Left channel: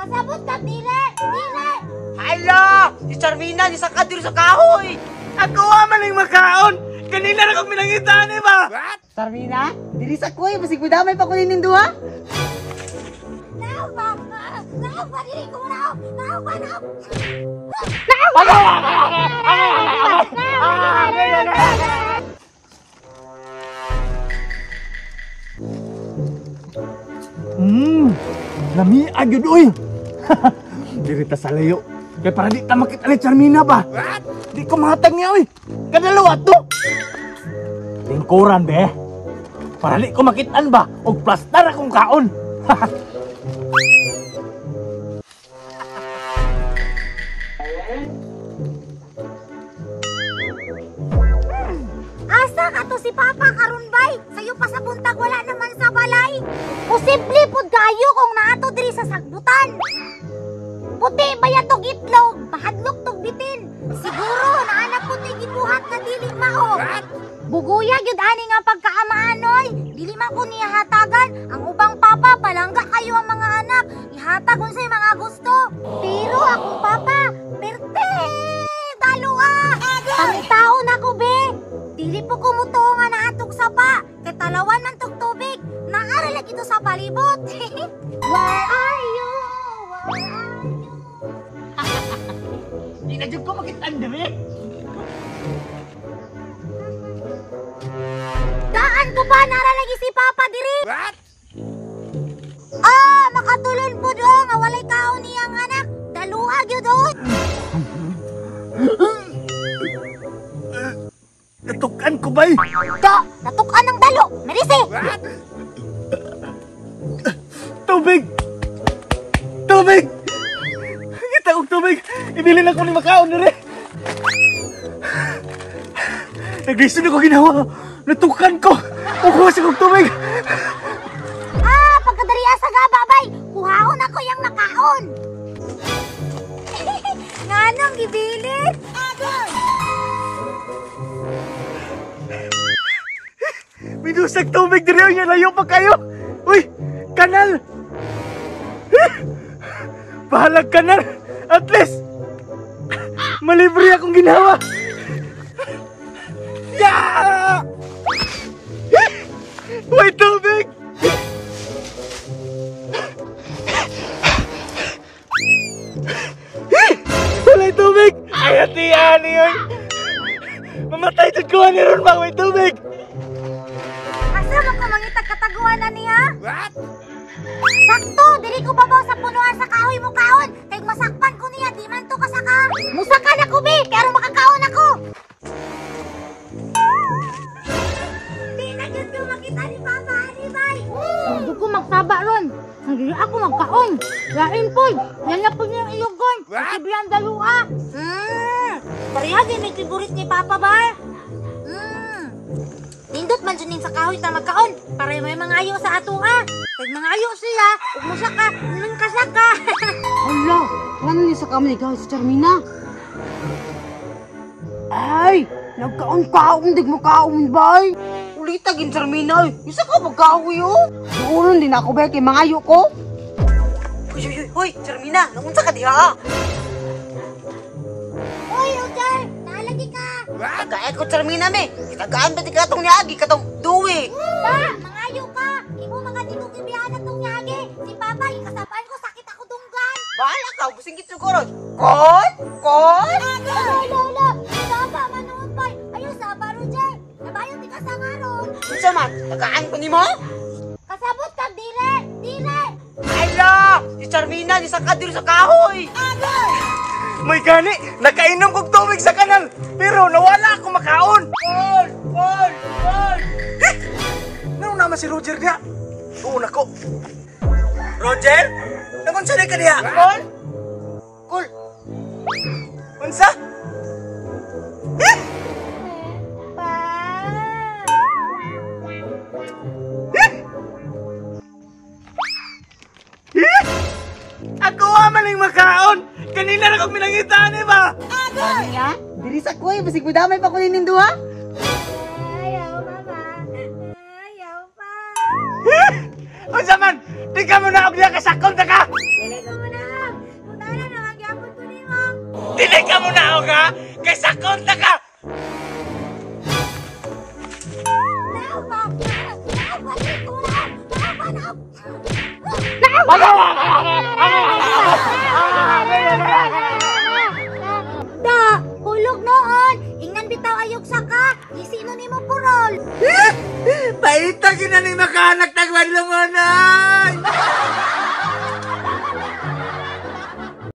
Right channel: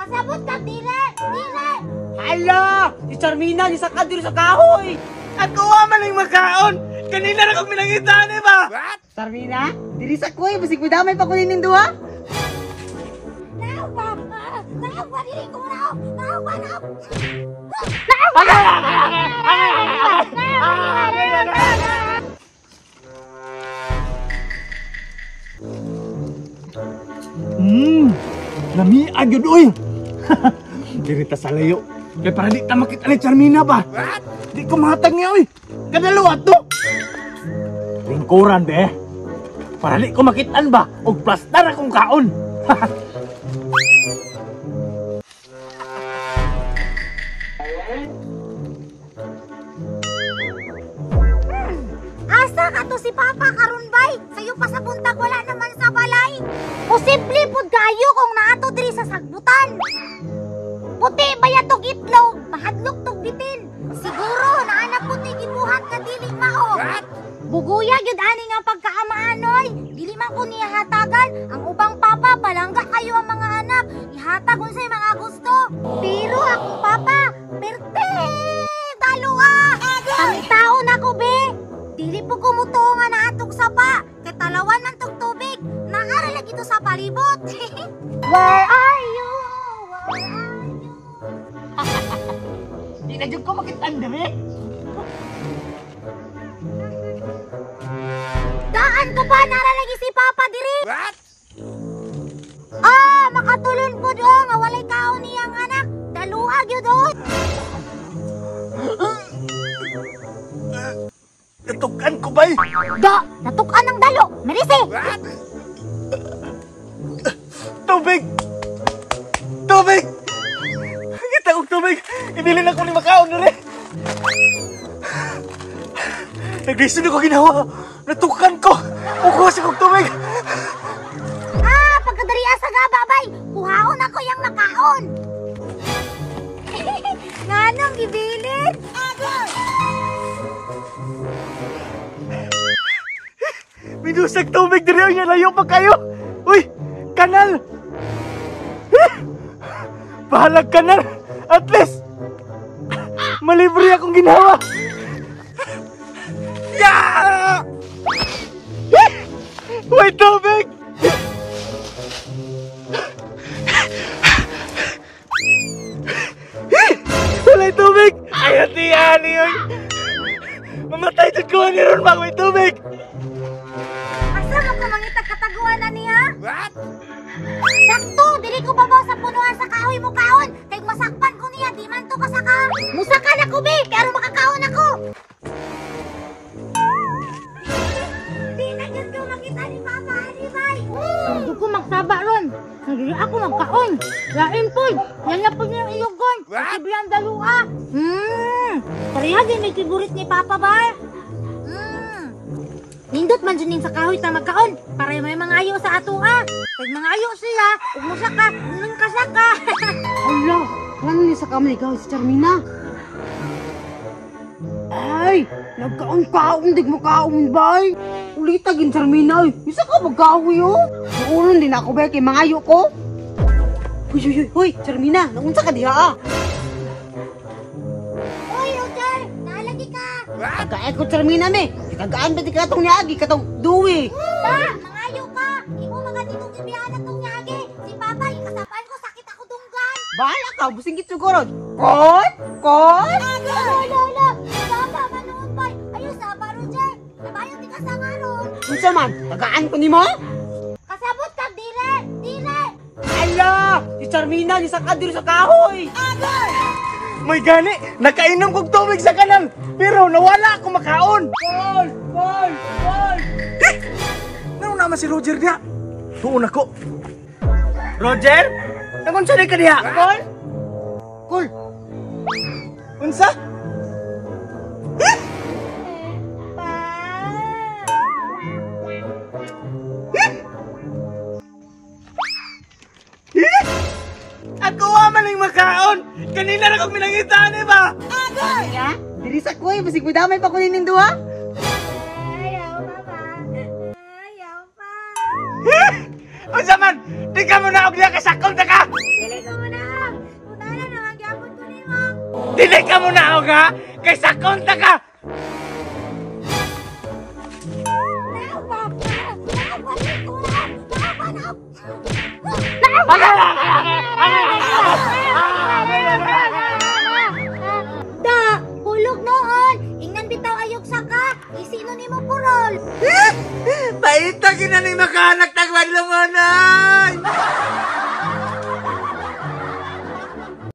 Kasabot ka, dire! Dire! Hala! Si Charmina, di sa diri sa kahoy! Ako man ang makaon! Kanina na kong minangitaan, ba? What? Charmina, diri sa kuy, basig mo damay pa kunin nindo ha? Naog ba? Naog ba? Dili ko naog! Naog ba? Naog! Nami agad oy! Diri ta sa layo. Kaya para di ta makita ni Charmina ba? What? Di ko mahatag niya oy! Kadalawa to! Lingkuran be! Para di ko makitaan ba? O plastar akong kaon! Asa ka to si Papa karon bay? Sayo pa sa buntag wala naman sa balay. Posible pud kayo kung naato diri sa sagbutan. Puti baya tog itlog, mahadlok tog bitin. Siguro naana puti gibuhat na dili mao. Buguya gyud ani nga pagkaamaanoy. Dili man ko niya hatagan ang ubang papa palangga kayo ang mga anak. Ihatag unsay mga gusto. Pero akong papa, perte. Daloa. Ang taon ako be. Dili po kumuto nga naatog sapa. Kay talawan man tog tubig. Naara lagi to sa palibot. Where are you? Where are you? Di na dyan ko makitaan diri! Daan ko ba nara lagi si Papa diri? What? Ah, makatulon po do nga walay kaon niyang anak. Dalua gyud do. Natukan ko ba'y? Da, natukan ng dalo. Merisi. What? Tubig! Tubig! Kita kong tubig! Ibilin ako ni makaon na rin! Naglisod ako ginawa! Natukan ko! Kukuha sa kong tubig! Ah, pagkadari asa ga babay. Kuhaon ako yang nakaon. Nganong gibilit? Agad! Minusag tubig diri niya, layo pa kayo! Uy! Kanal! Bahalag kanal! At least! Malibre akong ginawa! Yeah! May tubig! Walay tubig! Ay, hatian yun! Mamatay dyan ko ni ron ba? May tubig! Asa man ko mangitag kataguan na niya? What? Sakto, dili ko babaw sa punuan sa kahoy mo kaon. Kay masakpan ko niya, di man to kasaka. Musaka na ko be, pero makakaon ako. Di na gyud ko makita ni Papa, di bay. Hindi ko magsaba ron. Hindi ako magkaon. Lain po. Yan na po niyang ilugon. Kasi dalua. Pareha din may favorite ni Papa ba? Nindot man dyan sa kahoy ta magkaon. Para may mga ayo sa ato Pag mga ayo sila, ug mo saka, nang kasaka. Hala, ano niya sa kamay ikaw si Charmina? Ay, nagkaon-kaon, dig mo kaon bay. Ulita gin Charmina, ay. Isa ka magkaoy oh. Doon din ako ba kay mga ayo ko? Hoy, Charmina, naunsa ka diha Hoy, Roger, nalagi ka. Tagaay ko Charmina me. Tagaan ba di katong niagi katong duwi? Pa, mga ayo ka. Imo mga tigong ibihan atong nyagi. Si Papa, ikasapaan ko, sakit ako dunggan. Bahala ka, busingit siguro. Kon? Lola, Papa, manood pa. Ayos na, pa, Roger. Nabayo di ka sa ngaron. Unsa man, tagaan ko nimo? Kasabot ka, dire. Dire. Hala! Si Charmina, di sa diri sa kahoy! May gani! Nakainom kong tubig sa kanal! Pero nawala akong makaon! Paul! Ano naman si Roger diya? Tuon ako! Roger? Nakunsa ka diya? Paul? Kol, Unsa? Ako man ang makaon! Kanina na kong minangitaan, ba? niya? Diri sa kuy, basig mo damay pa kunin nindo ha? Ayaw, Papa. Ayaw pa. Unsa man? Di ka mo na og diya kasakol na ka! Dili ko muna. Dili ka mo na ha? Kay sakonta ka! Da, hulog noon. Ingan bitaw ayog saka. Isino ni mo purol. Paita kinaning makahanak tagwan lumonan!